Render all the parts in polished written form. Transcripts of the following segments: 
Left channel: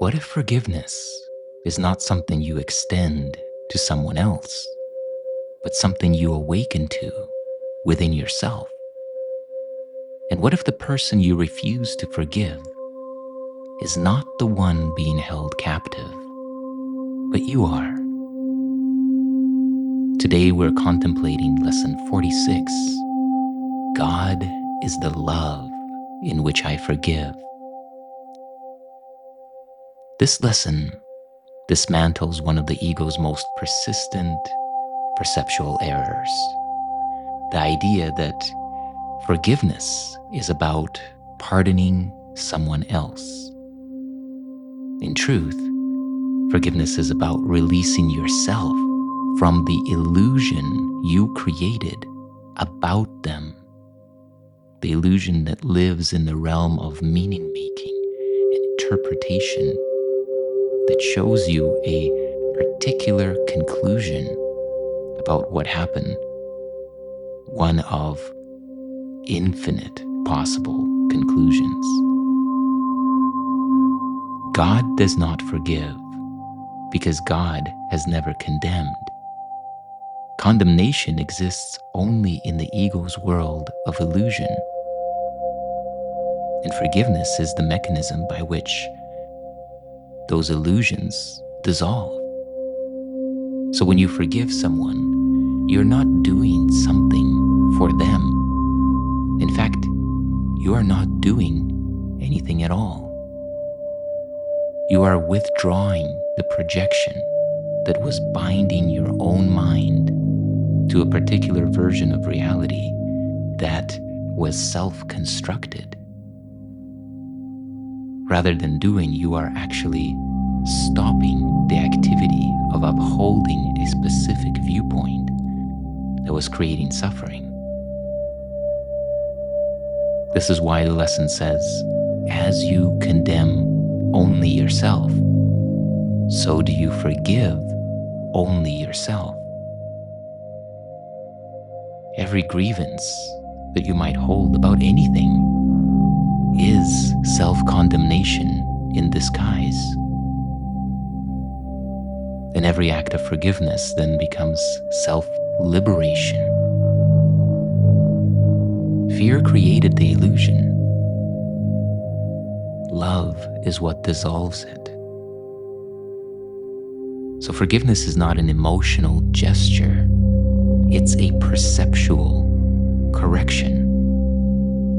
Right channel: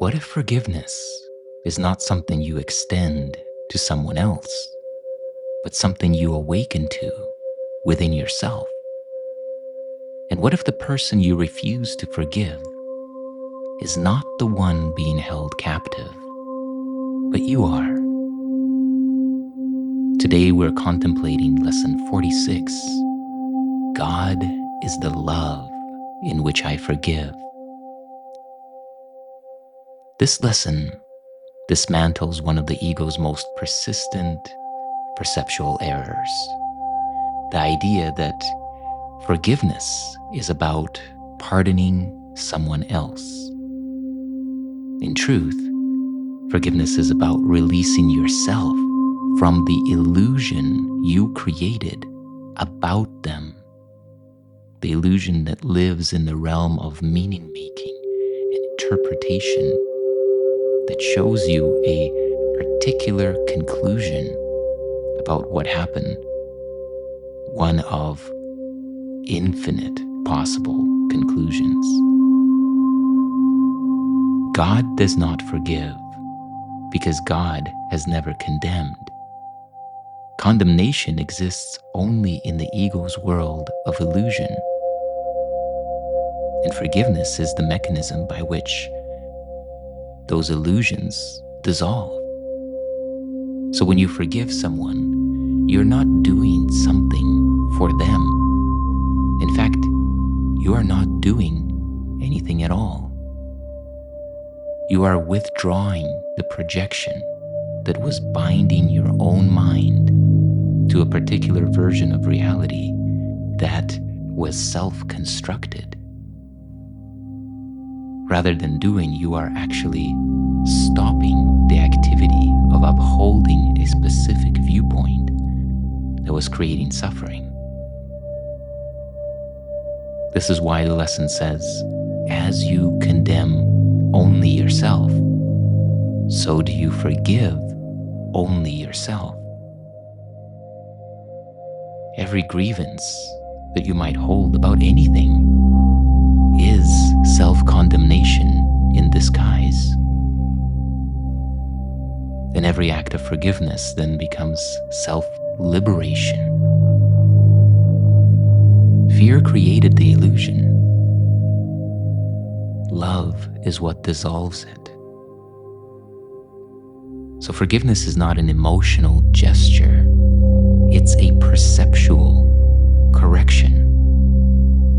What if forgiveness is not something you extend to someone else, but something you awaken to within yourself? And what if the person you refuse to forgive is not the one being held captive, but you are? Today we're contemplating lesson 46. God is the love in which I forgive. This lesson dismantles one of the ego's most persistent perceptual errors. The idea that forgiveness is about pardoning someone else. In truth, forgiveness is about releasing yourself from the illusion you created about them. The illusion that lives in the realm of meaning-making and interpretation that shows you a particular conclusion about what happened, one of infinite possible conclusions. God does not forgive because God has never condemned. Condemnation exists only in the ego's world of illusion. And forgiveness is the mechanism by which those illusions dissolve. So when you forgive someone, you're not doing something for them. In fact, you are not doing anything at all. You are withdrawing the projection that was binding your own mind to a particular version of reality that was self-constructed. Rather than doing, you are actually stopping the activity of upholding a specific viewpoint that was creating suffering. This is why the lesson says, as you condemn only yourself, so do you forgive only yourself. Every grievance that you might hold about anything is self-condemnation in disguise. And every act of forgiveness then becomes self-liberation. Fear created the illusion. Love is what dissolves it. So forgiveness is not an emotional gesture. It's a perceptual correction.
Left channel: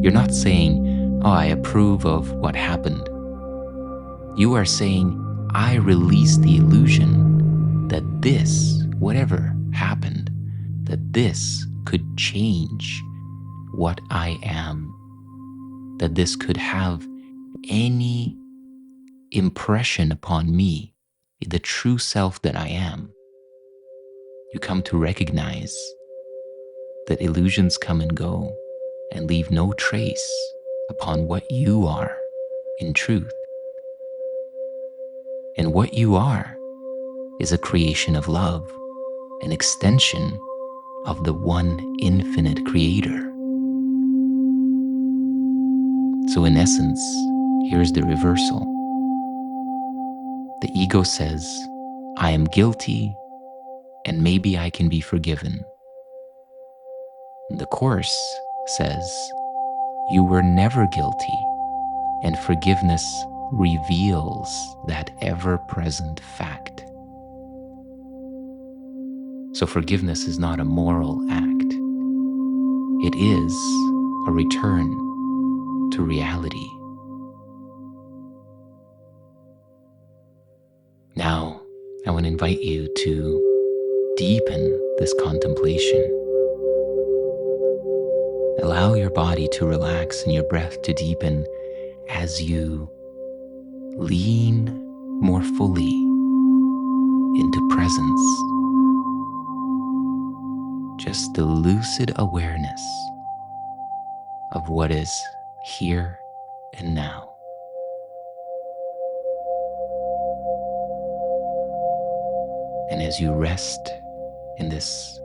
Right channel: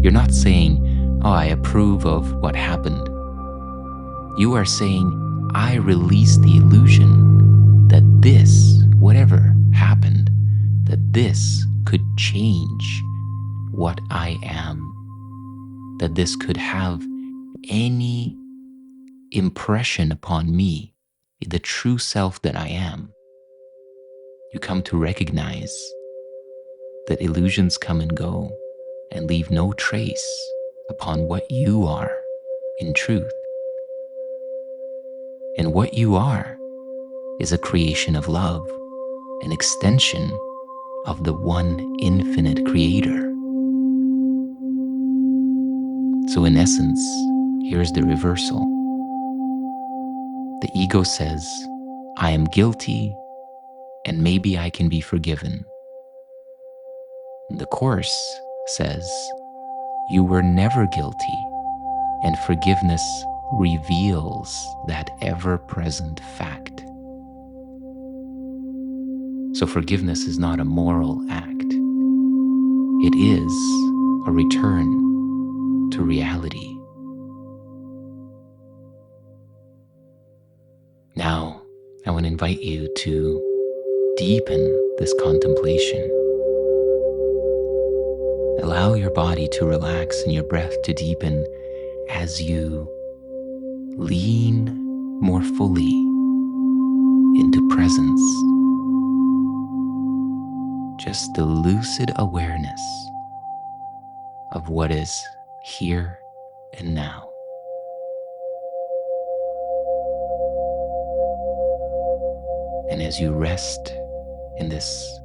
You're not saying, oh, I approve of what happened. You are saying, I release the illusion that this, whatever happened, that this could change what I am, that this could have any impression upon me, the true self that I am. You come to recognize that illusions come and go and leave no trace upon what you are in truth. And what you are is a creation of love, an extension of the one infinite creator. So in essence, here's the reversal. The ego says, I am guilty and maybe I can be forgiven. The Course says, you were never guilty, and forgiveness reveals that ever-present fact. So forgiveness is not a moral act. It is a return to reality. Now, I want to invite you to deepen this contemplation. Allow your body to relax and your breath to deepen as you lean more fully into presence. Just the lucid awareness of what is here and now. And as you rest in this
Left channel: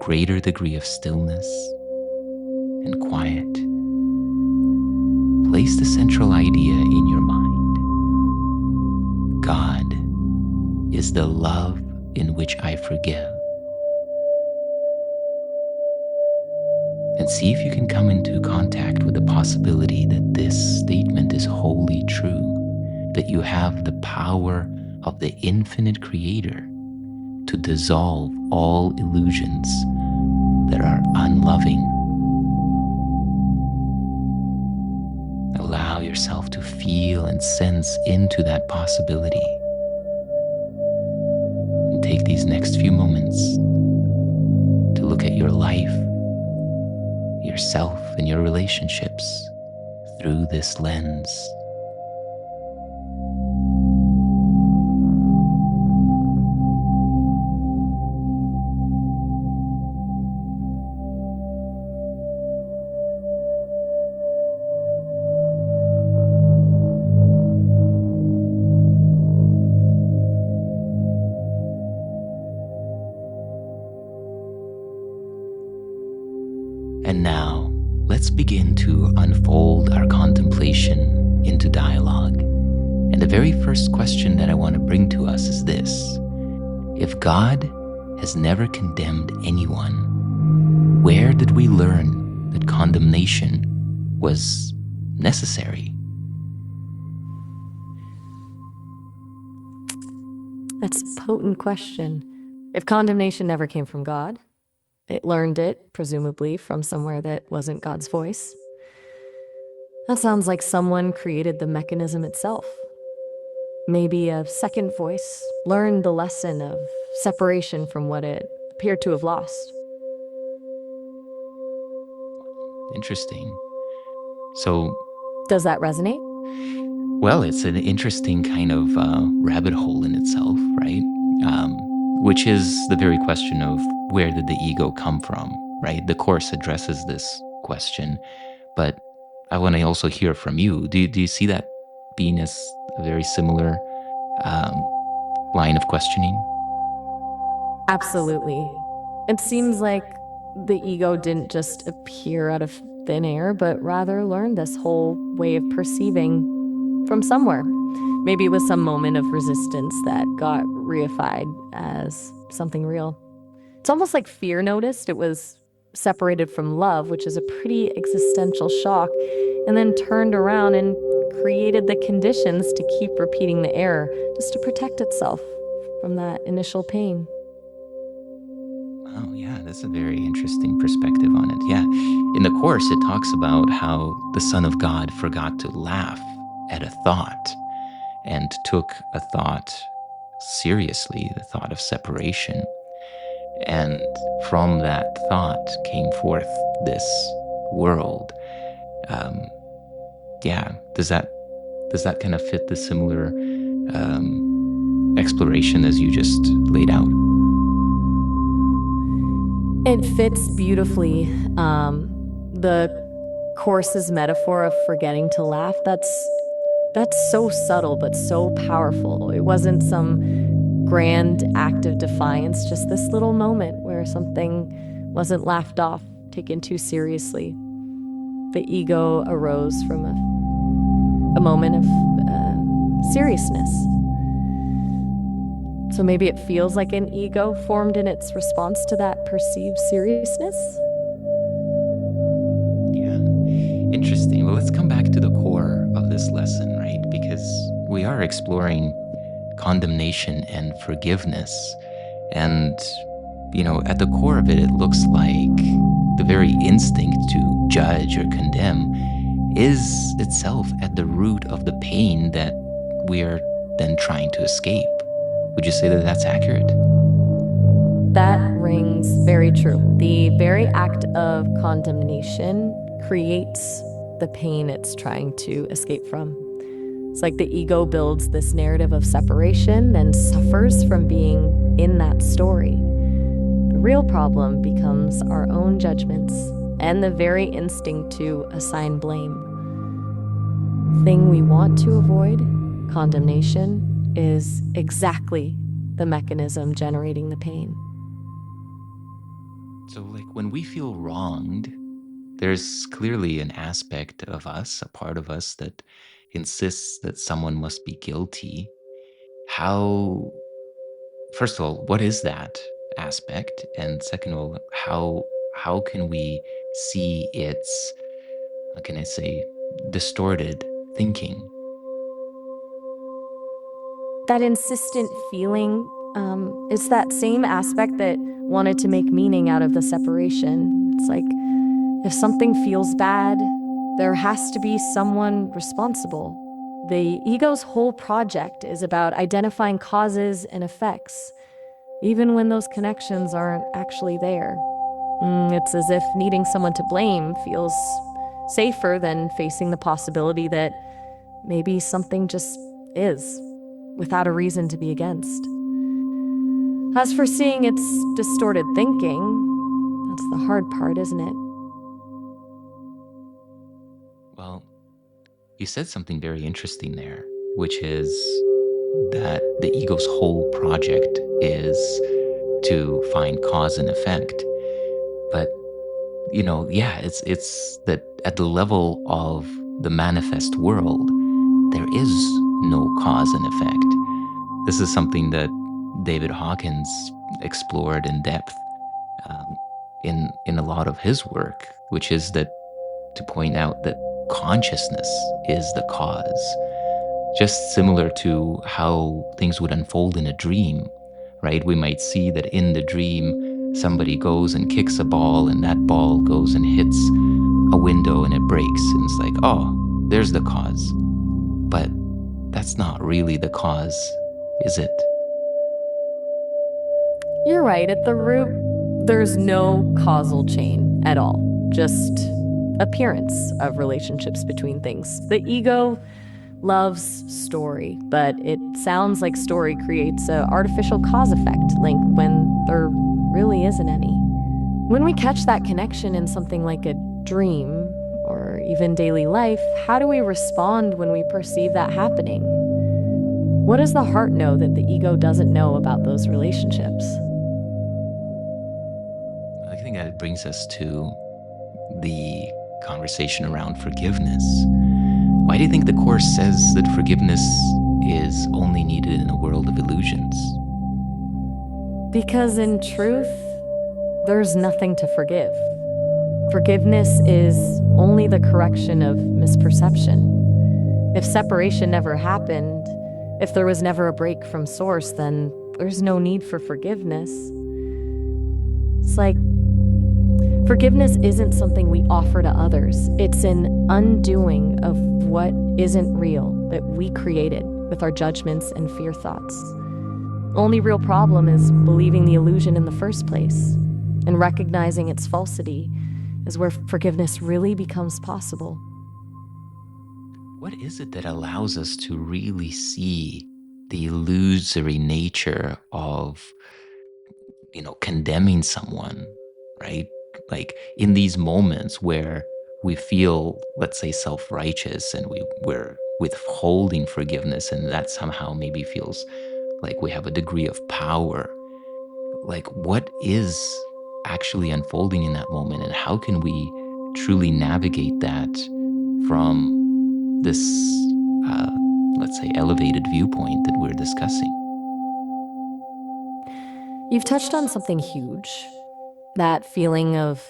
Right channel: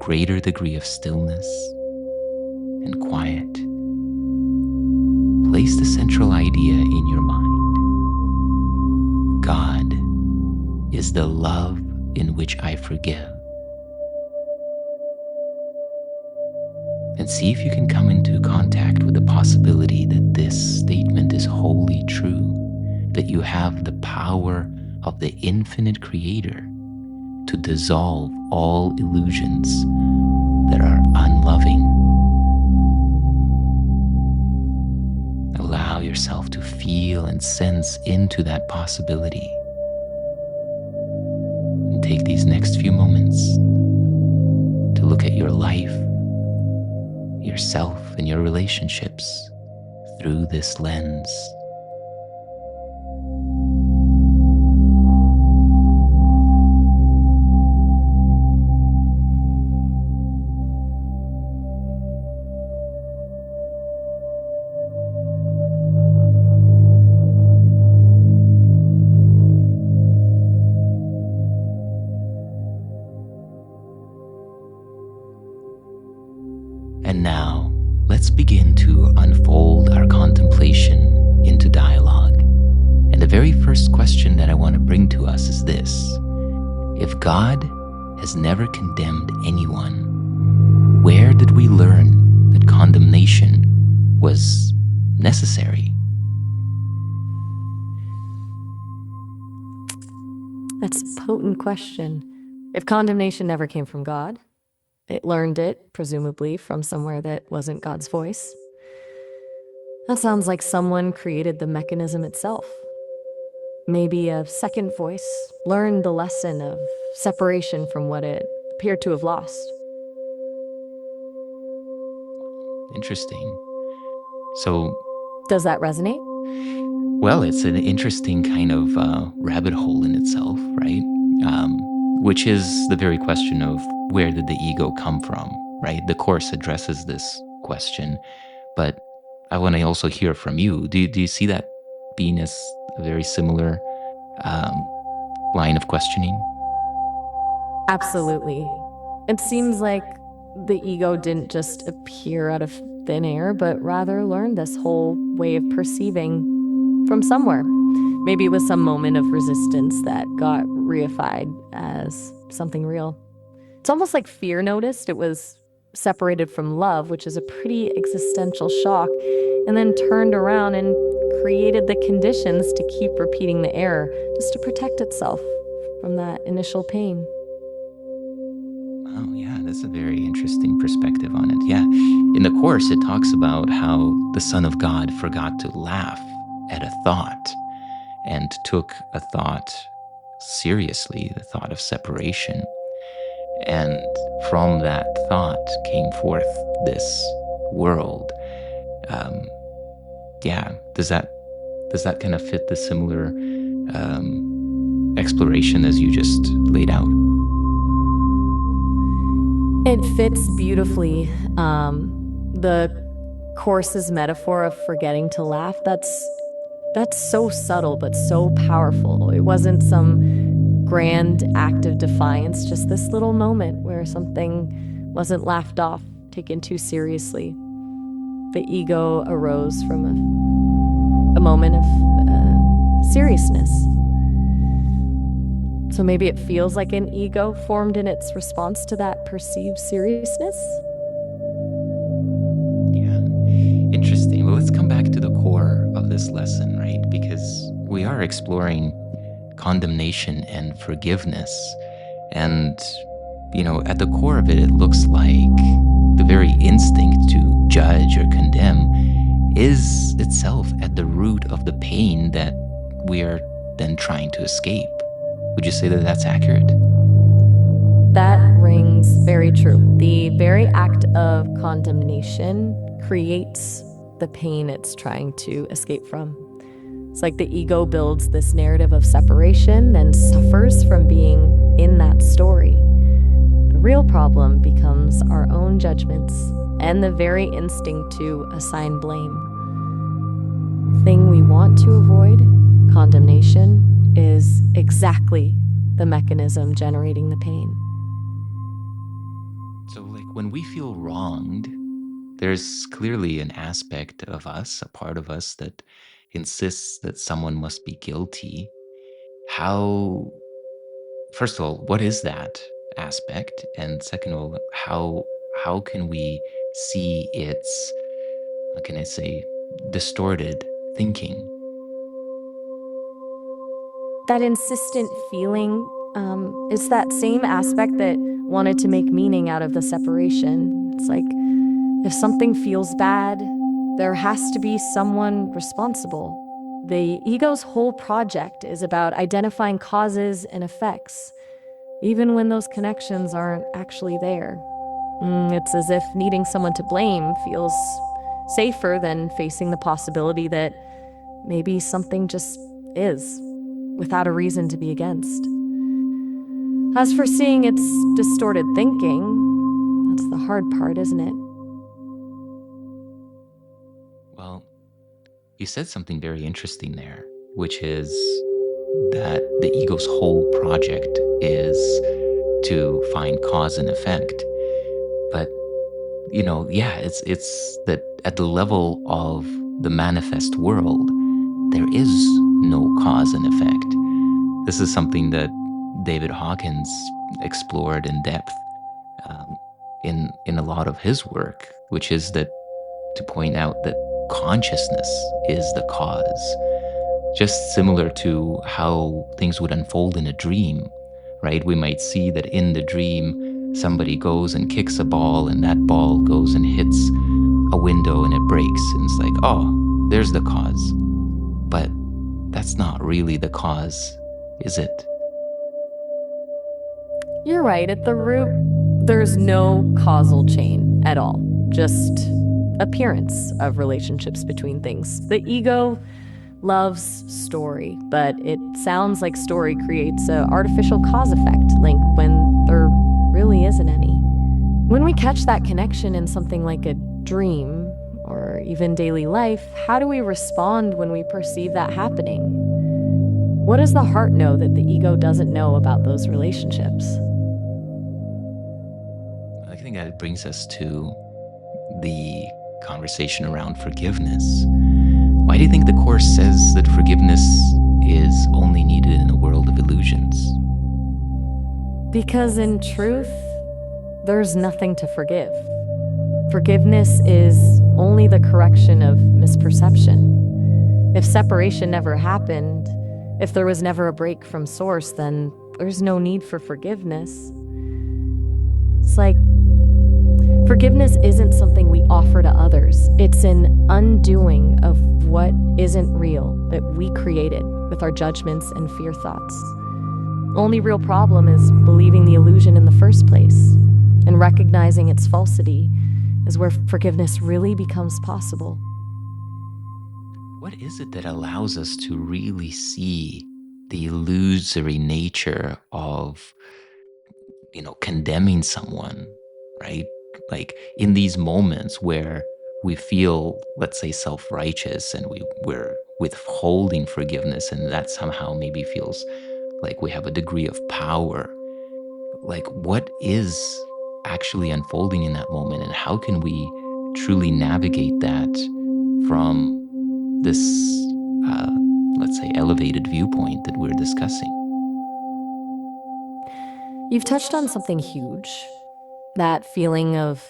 greater degree of stillness and quiet, place the central idea in your mind. God is the love in which I forgive. And see if you can come into contact with the possibility that this statement is wholly true, that you have the power of the infinite Creator to dissolve all illusions that are unloving. Allow yourself to feel and sense into that possibility. And take these next few moments to look at your life, yourself, and your relationships through this lens. And now, let's begin to unfold our contemplation into dialogue. And the very first question that I want to bring to us is this: if God has never condemned anyone, where did we learn that condemnation was necessary? That's a potent question. If condemnation never came from God, it learned it, presumably, from somewhere that wasn't God's voice. That sounds like someone created the mechanism itself. Maybe a second voice learned the lesson of separation from what it appeared to have lost. Interesting. So, does that resonate? Well, it's an interesting kind of rabbit hole in itself, right? Which is the very question of where did the ego come from, right? The Course addresses this question, but I want to also hear from you. Do you see that being as a very similar line of questioning? Absolutely. It seems like the ego didn't just appear out of thin air, but rather learned this whole way of perceiving from somewhere. Maybe it was some moment of resistance that got reified as something real. It's almost like fear noticed it was separated from love, which is a pretty existential shock, and then turned around and created the conditions to keep repeating the error just to protect itself from that initial pain. Oh, yeah, that's a very interesting perspective on it. Yeah. In the Course, it talks about how the Son of God forgot to laugh at a thought and took a thought seriously, the thought of separation. And from that thought came forth this world. Yeah, does that kind of fit the similar exploration as you just laid out? It fits beautifully. The Course's metaphor of forgetting to laugh, that's so subtle but so powerful. It wasn't some grand act of defiance, just this little moment where something wasn't laughed off, taken too seriously. The ego arose from a moment of seriousness. So maybe it feels like an ego formed in its response to that perceived seriousness? Yeah, interesting. Well, let's come back to the core of this lesson, right? Because we are exploring condemnation and forgiveness. And, at the core of it, it looks like the very instinct to judge or condemn is itself at the root of the pain that we are then trying to escape. Would you say that that's accurate? That rings very true. The very act of condemnation creates the pain it's trying to escape from. It's like the ego builds this narrative of separation and suffers from being in that story. The real problem becomes our own judgments and the very instinct to assign blame. The thing we want to avoid, condemnation, is exactly the mechanism generating the pain. So, when we feel wronged, there's clearly an aspect of us, a part of us that insists that someone must be guilty. how, first of all, what is that aspect? And second of all, how can we see its, how can I say, distorted thinking? That insistent feeling is that same aspect that wanted to make meaning out of the separation. It's like if something feels bad, there has to be someone responsible. The ego's whole project is about identifying causes and effects, even when those connections aren't actually there. It's as if needing someone to blame feels safer than facing the possibility that maybe something just is, without a reason to be against. As for seeing its distorted thinking, that's the hard part, isn't it? Well, you said something very interesting there, which is that the ego's whole project is to find cause and effect. But yeah, it's that at the level of the manifest world, there is no cause and effect. This is something that David Hawkins explored in depth um, in a lot of his work, which is that to point out that consciousness is the cause. Just similar to how things would unfold in a dream, right? We might see that in the dream, somebody goes and kicks a ball, and that ball goes and hits a window and it breaks. And it's like, oh, there's the cause. But that's not really the cause, is it? You're right. At the root, there's no causal chain at all, just appearance of relationships between things. The ego loves story, but it sounds like story creates an artificial cause-effect link when there really isn't any. When we catch that connection in something like a dream or even daily life, how do we respond when we perceive that happening? What does the heart know that the ego doesn't know about those relationships? I think that brings us to the conversation around forgiveness. Why do you think the Course says that forgiveness is only needed in a world of illusions? Because in truth, there's nothing to forgive. Forgiveness is only the correction of misperception. If separation never happened, if there was never a break from source, then there's no need for forgiveness. It's like forgiveness isn't something we offer to others. It's an undoing of what isn't real that we created with our judgments and fear thoughts. Only real problem is believing the illusion in the first place, and recognizing its falsity is where forgiveness really becomes possible. What is it that allows us to really see the illusory nature of, condemning someone, right? Like in these moments where we feel, let's say, self-righteous and we're withholding forgiveness, and that somehow maybe feels like we have a degree of power. Like, what is actually unfolding in that moment, and how can we truly navigate that from this, let's say, elevated viewpoint that we're discussing? You've touched on something huge, that feeling of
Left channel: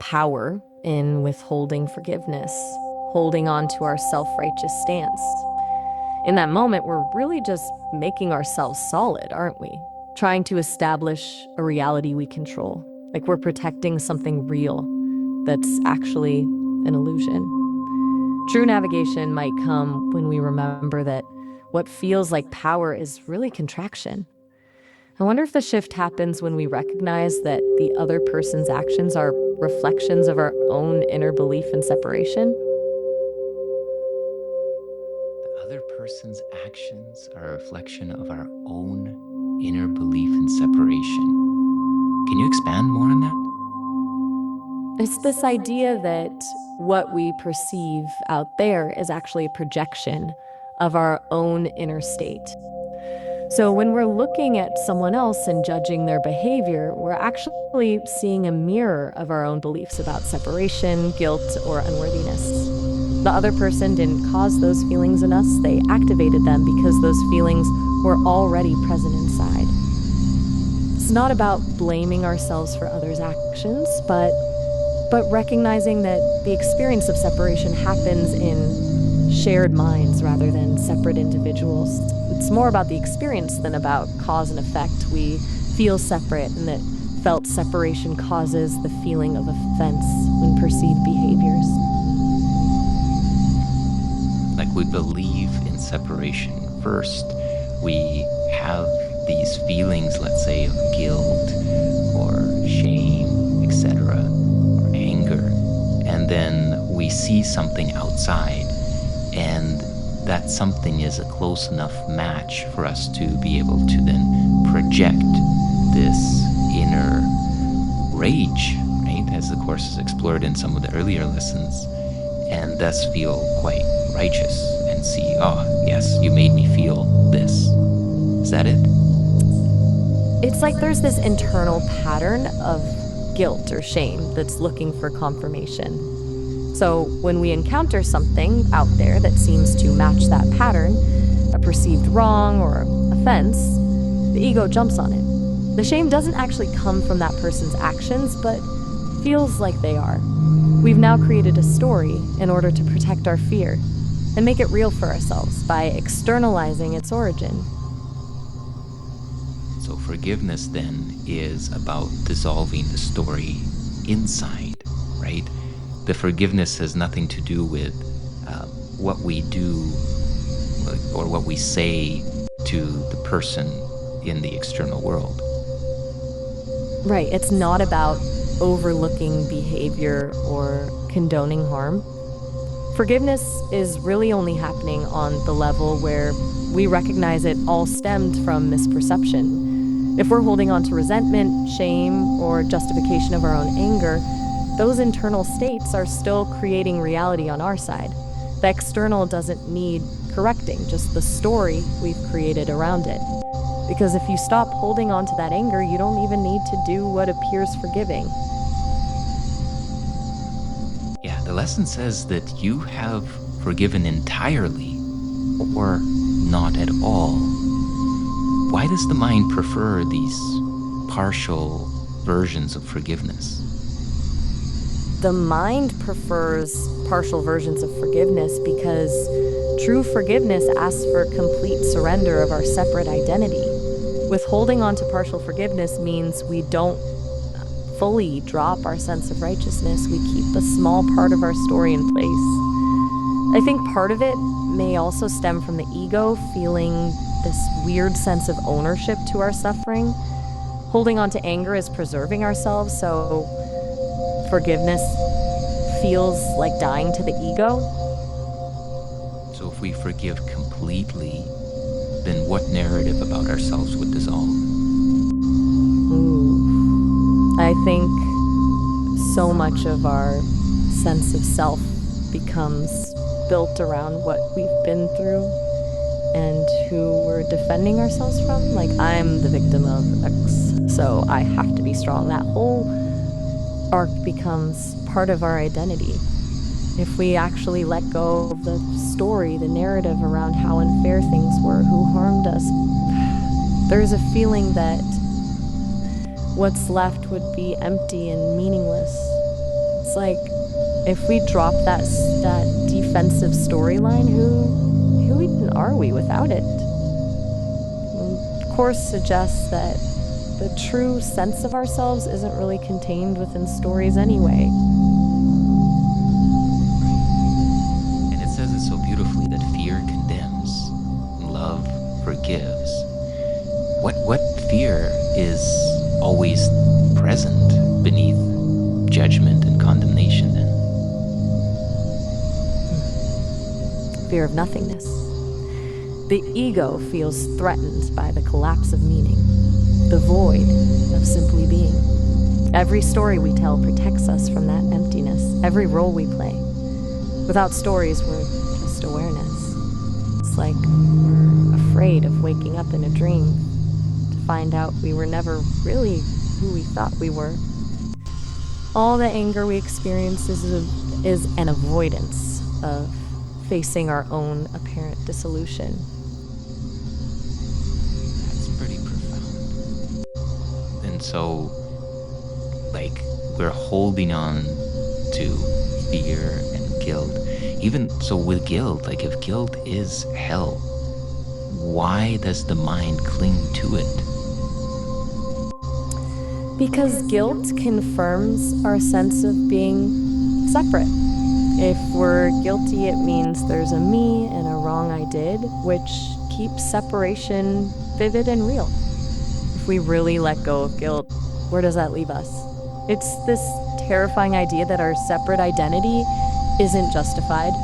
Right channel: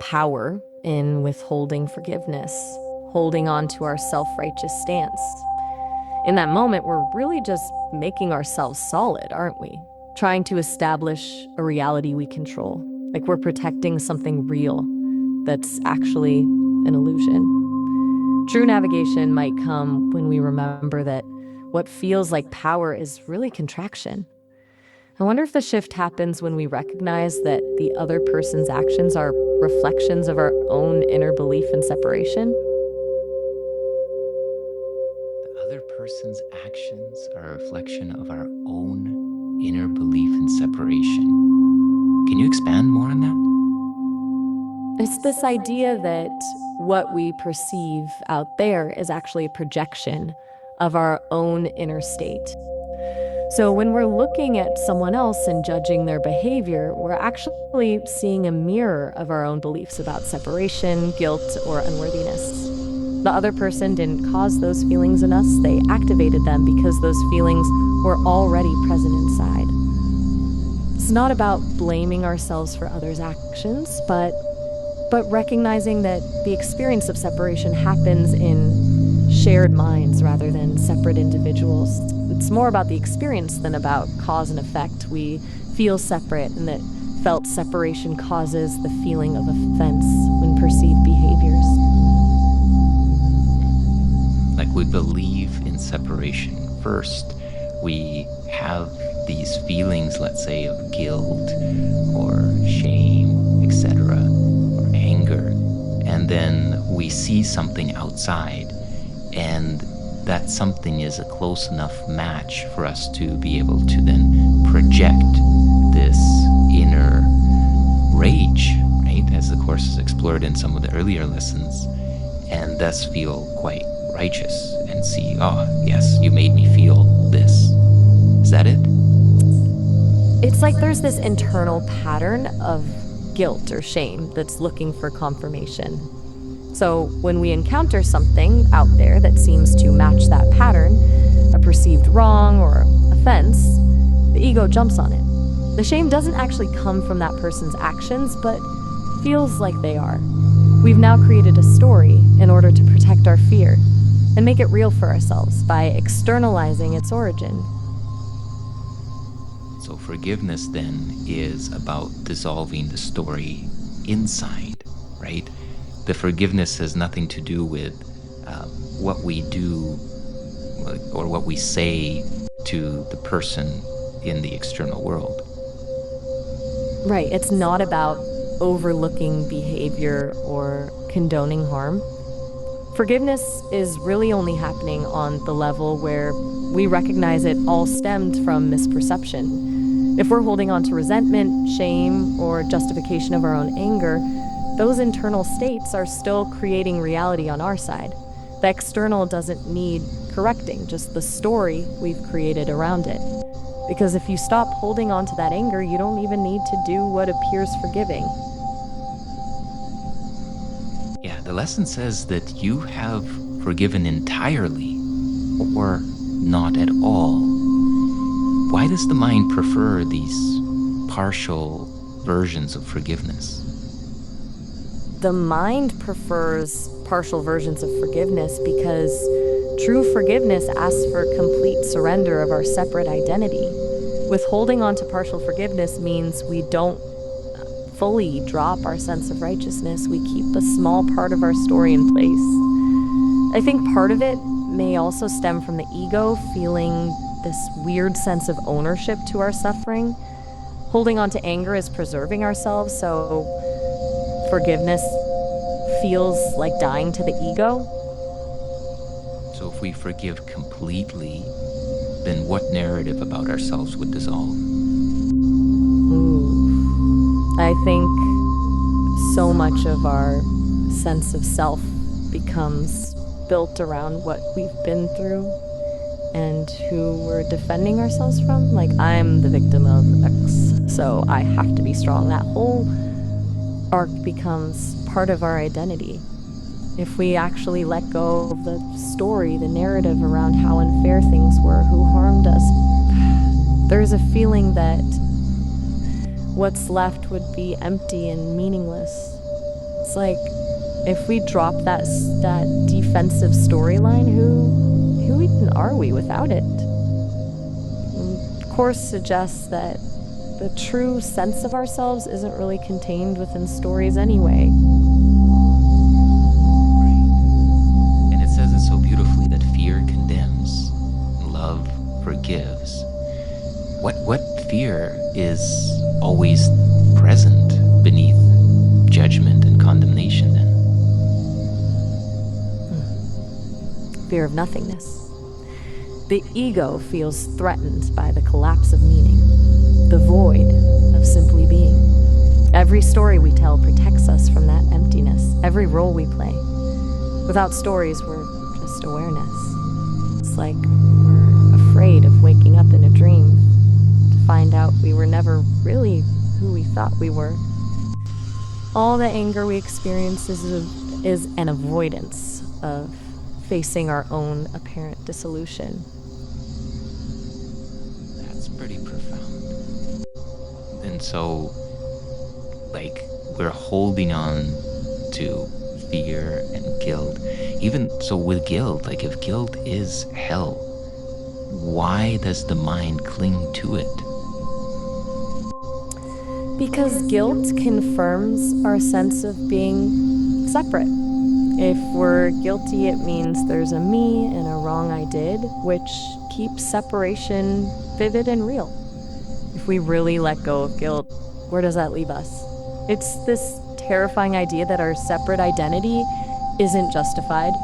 power in withholding forgiveness, holding on to our self-righteous stance. In that moment, we're really just making ourselves solid, aren't we? Trying to establish a reality we control, like we're protecting something real that's actually an illusion. True navigation might come when we remember that what feels like power is really contraction. I wonder if the shift happens when we recognize that the other person's actions are reflections of our own inner belief in separation. The other person's actions are a reflection of our own inner belief in separation. Can you expand more on that? It's this idea that what we perceive out there is actually a projection of our own inner state. So when we're looking at someone else and judging their behavior, we're actually seeing a mirror of our own beliefs about separation, guilt, or unworthiness. The other person didn't cause those feelings in us. They activated them because those feelings were already present inside. It's not about blaming ourselves for others' actions, but recognizing that the experience of separation happens in shared minds rather than separate individuals. It's more about the experience than about cause and effect. We feel separate, and that felt separation causes the feeling of offense when perceived behaviors. Like, we believe in separation. First, we have these feelings, let's say, of guilt or shame, etc., or anger, and then we see something outside, and that something is a close enough match for us to be able to then project this inner rage, right, as the Course is explored in some of the earlier lessons, and thus feel quite righteous and see, oh, yes, you made me feel this. Is that it? It's like there's this internal pattern of guilt or shame that's looking for confirmation. So when we encounter something out there that seems to match that pattern, a perceived wrong or offense, the ego jumps on it. The shame doesn't actually come from that person's actions, but feels like they are. We've now created a story in order to protect our fear and make it real for ourselves by externalizing its origin. So forgiveness then is about dissolving the story inside, right? The forgiveness has nothing to do with what we do or what we say to the person in the external world. Right, it's not about overlooking behavior or condoning harm. Forgiveness is really only happening on the level where we recognize it all stemmed from misperception. If we're holding on to resentment, shame, or justification of our own anger, those internal states are still creating reality on our side. The external doesn't need correcting, just the story we've created around it. Because if you stop holding on to that anger, you don't even need to do what appears forgiving. Yeah, the lesson says that you have forgiven entirely or not at all. Why does the mind prefer these partial versions of forgiveness? The mind prefers partial versions of forgiveness because true forgiveness asks for complete surrender of our separate identity. Withholding on to partial forgiveness means we don't fully drop our sense of righteousness. We keep a small part of our story in place. I think part of it may also stem from the ego feeling this weird sense of ownership to our suffering. Holding on to anger is preserving ourselves, so forgiveness feels like dying to the ego. So if we forgive completely, then what narrative about ourselves would dissolve? Ooh. I think so much of our sense of self becomes built around what we've been through and who we're defending ourselves from. Like, I'm the victim of X, so I have to be strong. That whole arc becomes part of our identity. If we actually let go of the story, the narrative around how unfair things were, who harmed us, there's a feeling that what's left would be empty and meaningless. It's like, if we drop that defensive storyline, who even are we without it? The Course suggests that the true sense of ourselves isn't really contained within stories anyway. Right. And it says it so beautifully that fear condemns, love forgives. What fear is always present beneath judgment and condemnation then? Fear of nothingness. The ego feels threatened by the collapse of meaning, the void of simply being. Every story we tell protects us from that emptiness, every role we play. Without stories, we're just awareness. It's like we're afraid of waking up in a dream to find out we were never really who we thought we were. All the anger we experience is an avoidance of facing our own apparent dissolution. And so, like, we're holding on to fear and guilt. Even so, with guilt, like, if guilt is hell, why does the mind cling to it? Because guilt confirms our sense of being separate. If we're guilty, it means there's a me and a wrong I did, which keeps separation vivid and real. If we really let go of guilt, where does that leave us? It's this terrifying idea that our separate identity isn't justified.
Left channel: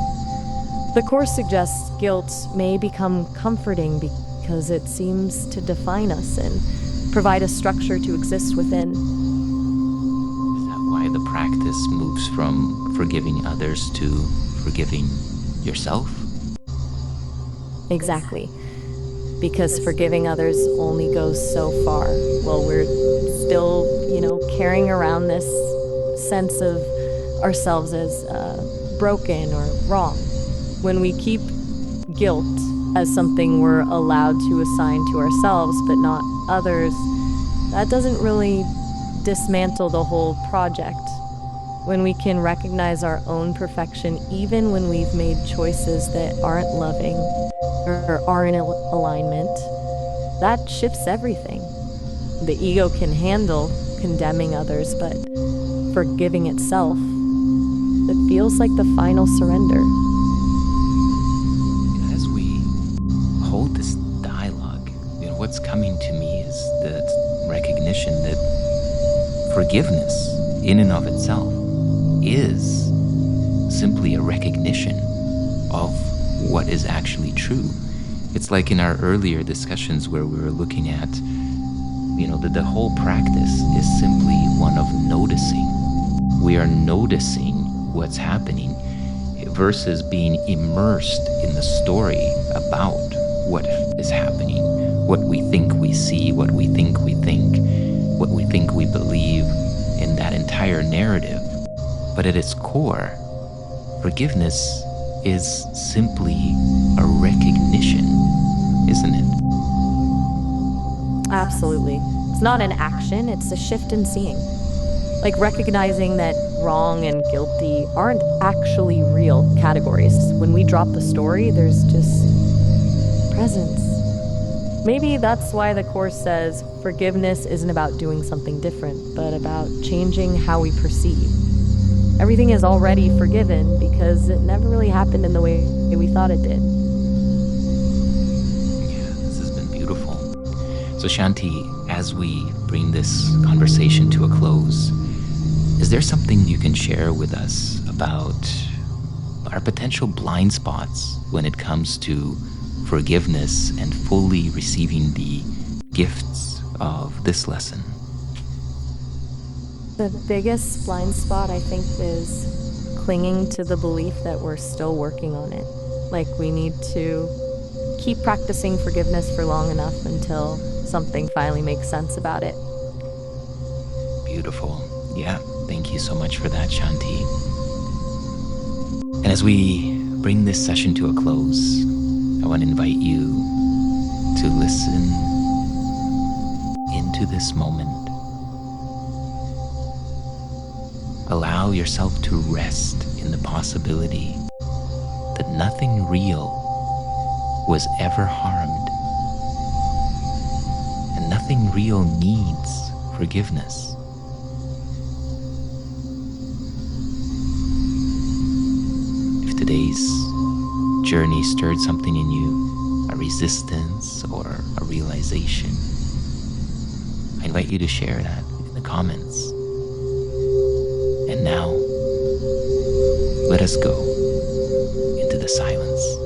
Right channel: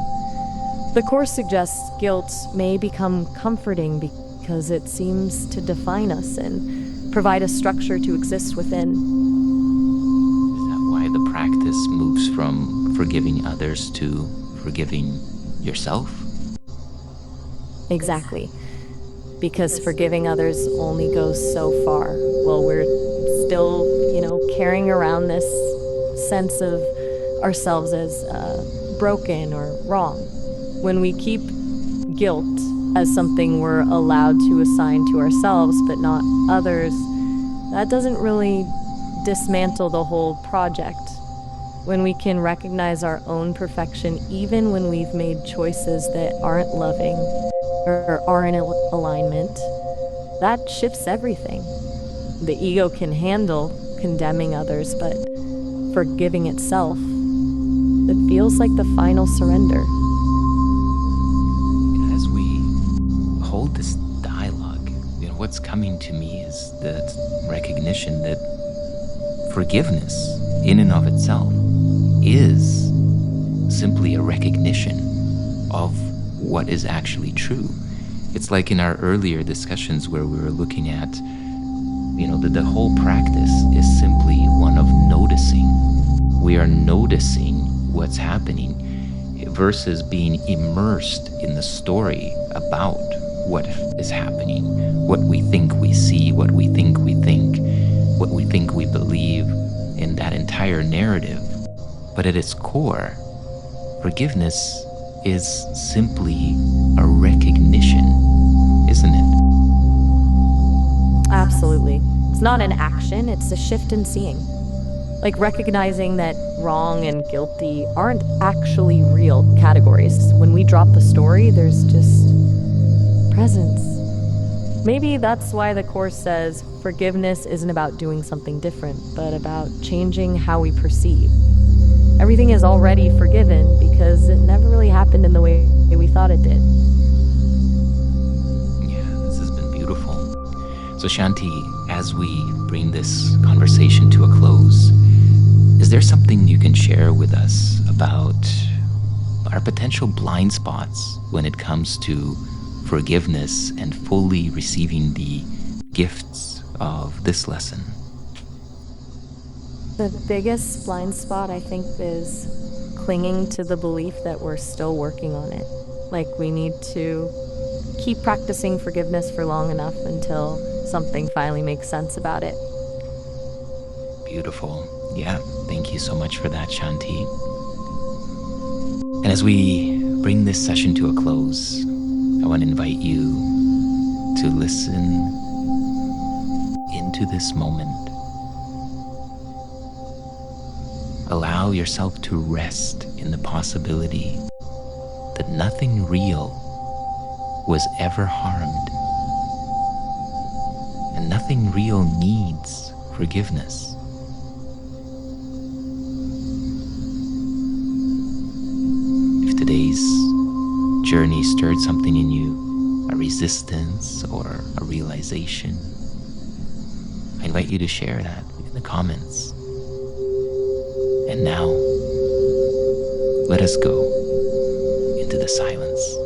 The Course suggests guilt may become comforting because it seems to define us and provide a structure to exist within. Is that why the practice moves from forgiving others to forgiving yourself? Exactly. Because forgiving others only goes so far. Well, we're still, carrying around this sense of ourselves as broken or wrong. When we keep guilt as something we're allowed to assign to ourselves but not others, that doesn't really dismantle the whole project. When we can recognize our own perfection even when we've made choices that aren't loving or aren't in alignment, that shifts everything. The ego can handle condemning others, but forgiving itself, it feels like the final surrender. As we hold this dialogue, what's coming to me is that recognition that forgiveness in and of itself is simply a recognition of what is actually true. It's like in our earlier discussions where we were looking at, the whole practice is simply one of noticing. We are noticing what's happening versus being immersed in the story about what is happening, what we think we see, what we think we think, what we think we believe in that entire narrative. But at its core, forgiveness is simply a recognition, isn't it? Absolutely. It's not an action, it's a shift in seeing. Like recognizing that wrong and guilty aren't actually real categories. When we drop the story, there's just presence. Maybe that's why the Course says forgiveness isn't about doing something different, but about changing how we perceive. Everything is already forgiven because it never really happened in the way we thought it did. Yeah, this has been beautiful. So Shanti, as we bring this conversation to a close, is there something you can share with us about our potential blind spots when it comes to forgiveness and fully receiving the gifts of this lesson? The biggest blind spot, I think, is clinging to the belief that we're still working on it. Like we need to keep practicing forgiveness for long enough until something finally makes sense about it. Beautiful. Yeah, thank you so much for that, Shanti. And as we bring this session to a close, I want to invite you to listen into this moment. Allow yourself to rest in the possibility that nothing real was ever harmed, and nothing real needs forgiveness. If today's journey stirred something in you, a resistance or a realization, I invite you to share that in the comments. And now, let us go into the silence.